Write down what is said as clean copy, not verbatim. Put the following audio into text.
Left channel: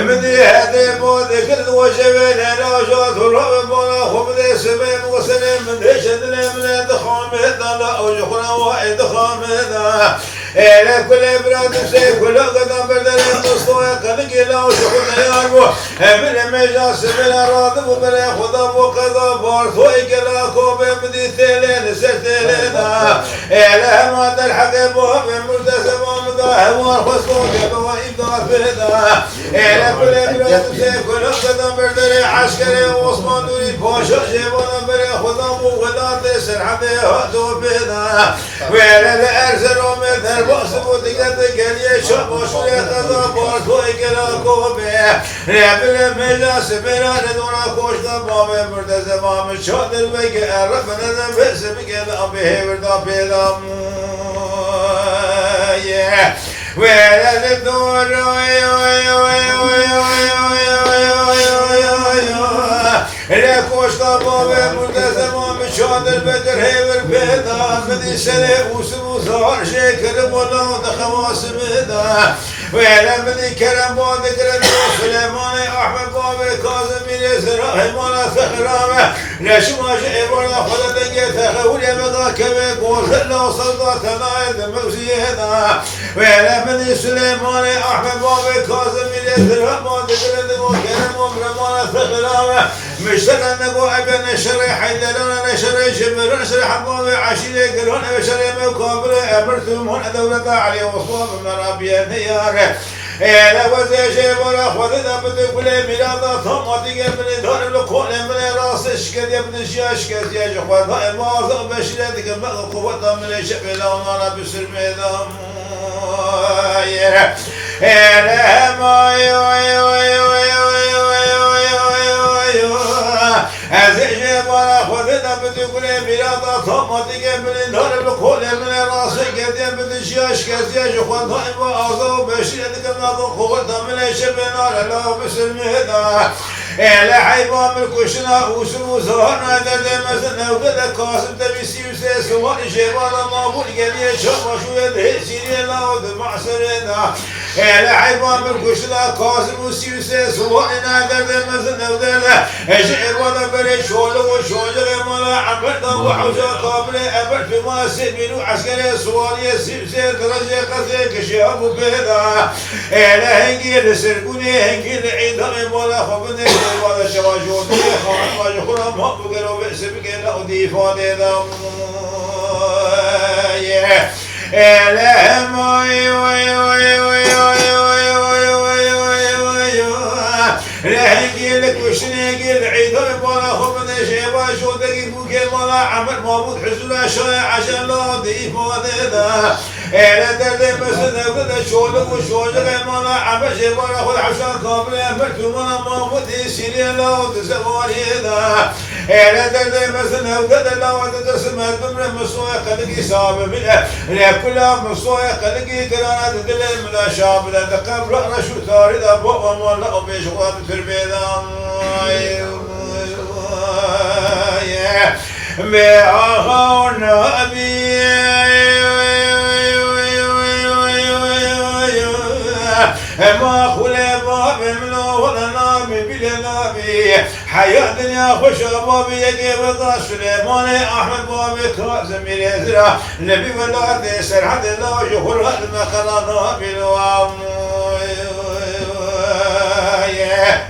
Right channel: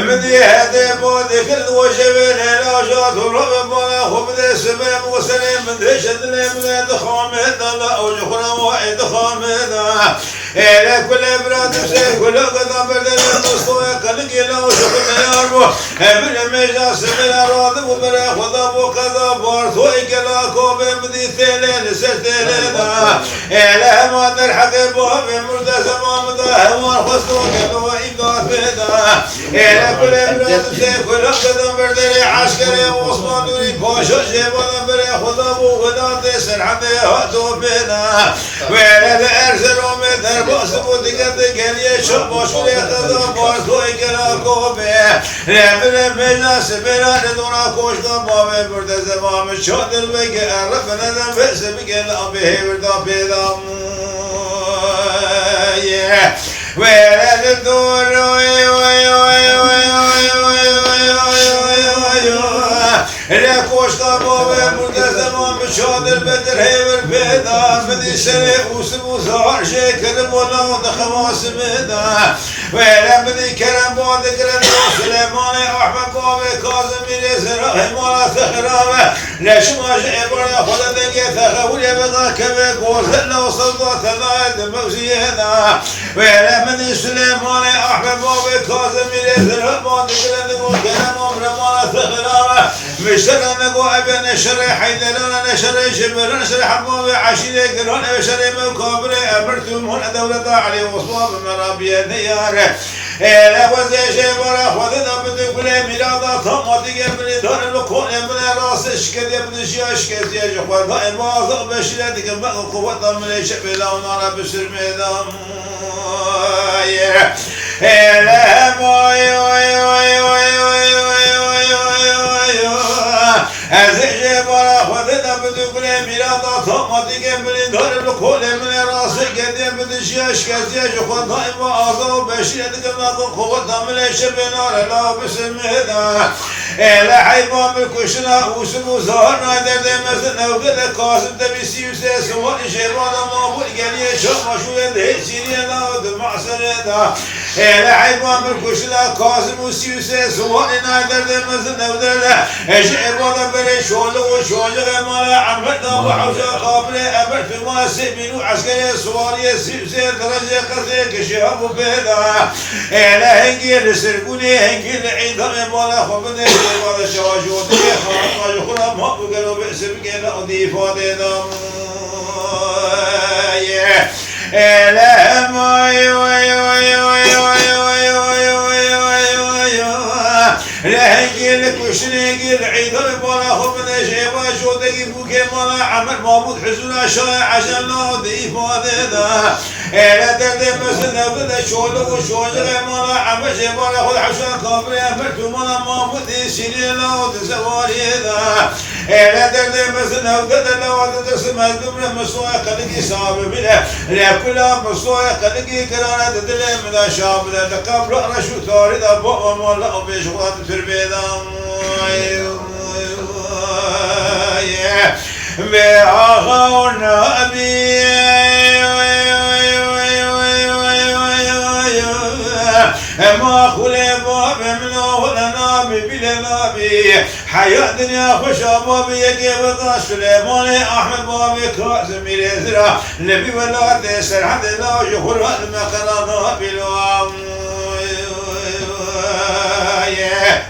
مدي هدي بودي كل وجبين لا جات الرب ولا خبز سبب وسلم من دشد من دخامد لا وجخنا واحد خامد إلى كل براد بسيف كل قدام بدل مستوى كل كلا وشخنا ياربو من مجاس من الراد وبلا خدا وكذا بارثو كلا كوب مدي ثلين ستلين إلى ما درحق باب مرتزم مدا وخصو كلا إبداع بدا إلى كل براد بسيف كل قدام بدل عسكري وعثمان دوري باشا جبنا بلا خدا وغدا تسر حتى هاتو بدا ولا الأرزل ومثل باس بودقت قلي شباش ولا خدا بارثو كلا كوب ربنا مجلس بلا ندورا كوش باب مرتزم مش شادر بك ربنا بس بك الأبي بردا بدا ولا الدور لا كوشتا بابا مرتزم مشادر بكر هيور بيدا مدي سنة وسبو زهر شكر مولا دخواس بيدا ولا مدي كرم باد كرم سليمان أحمد بابا كاظم ميري زراحي مالا ثخرامة لشماش عبارة خدا دنگي ثخول يبقى كبه قوزنا وصلقات نايد موزينا ولا مدي سليمان أحمد بابا كاظم ميري زراحي باد كرم مالا ثخرامة مشترى نقو أبي نشري حيدرنا نشري جبر نشري حبوب عشيرة قرون نشري مكابر أمرتم هنا دولة علي وصواب مرابية ديار إلى وزي جبر خذنا بتقول ميلاد طماطي قبل دار الكون من راس شكل يبن شياش كذي جخوة ما بشرتك ما قوة من شبل ونار بسر ميدان إلى ما أزيج برا خذنا بتقول ميلاد طماطي قبل دار الكون من راس كذي يبن شياش كذي جخوة ما بشرتك ما قوة من شبل لا بسر ميدان إلى حيوان الكشنا وسمو زهرنا درد مثلنا وقد قاسم تبيسي وسيس وإجيبان المابول قليل شمشو يده سيري الله ودمع سرنا إلى حيوان الكشنا قاسم وسيس وإنا درد مثلنا ودرد إجيبان بري شولغ وشولغ مالا عمرنا وحوشا قابل أبر في ما سبينو عسكري سواري سيبسي درجة قصي كشهاب وبيدا إلى هنجي لسرقوني هنجي لعيدان مالا خبني وهذا شواجودي خان وجخنا ما بقولوا باسمك لا أضيف هذا لا ما لا هنقلك وشنقل عيد البلا خبنا شيبا شودك بوكي مالا عمل مابود حزنا شاي عشان لا أضيف هذا لا تدري بس نقول شولك وشولك مالا عمل شيبا خذ عشان كابل أمرت مالا مابود يسيري لا تسواري هذا لا تدري بس نقول لا تسمع الدمر مسوى قلقي صاب منه لا كلها مسوى قلقي كرانة تدري من شاب لا تقبل رشو ثاري ذا بوا مالا وبيش غاد تربيدام بأخونا أبي ما خلي باب ملو نابي بلا نابي حياة دنيا خوش بابي يجيب قاش سليمان أحمد بابي كاظم يزرع نبي ولا تسر حد لا يخر المقرا نابي الوام yeah.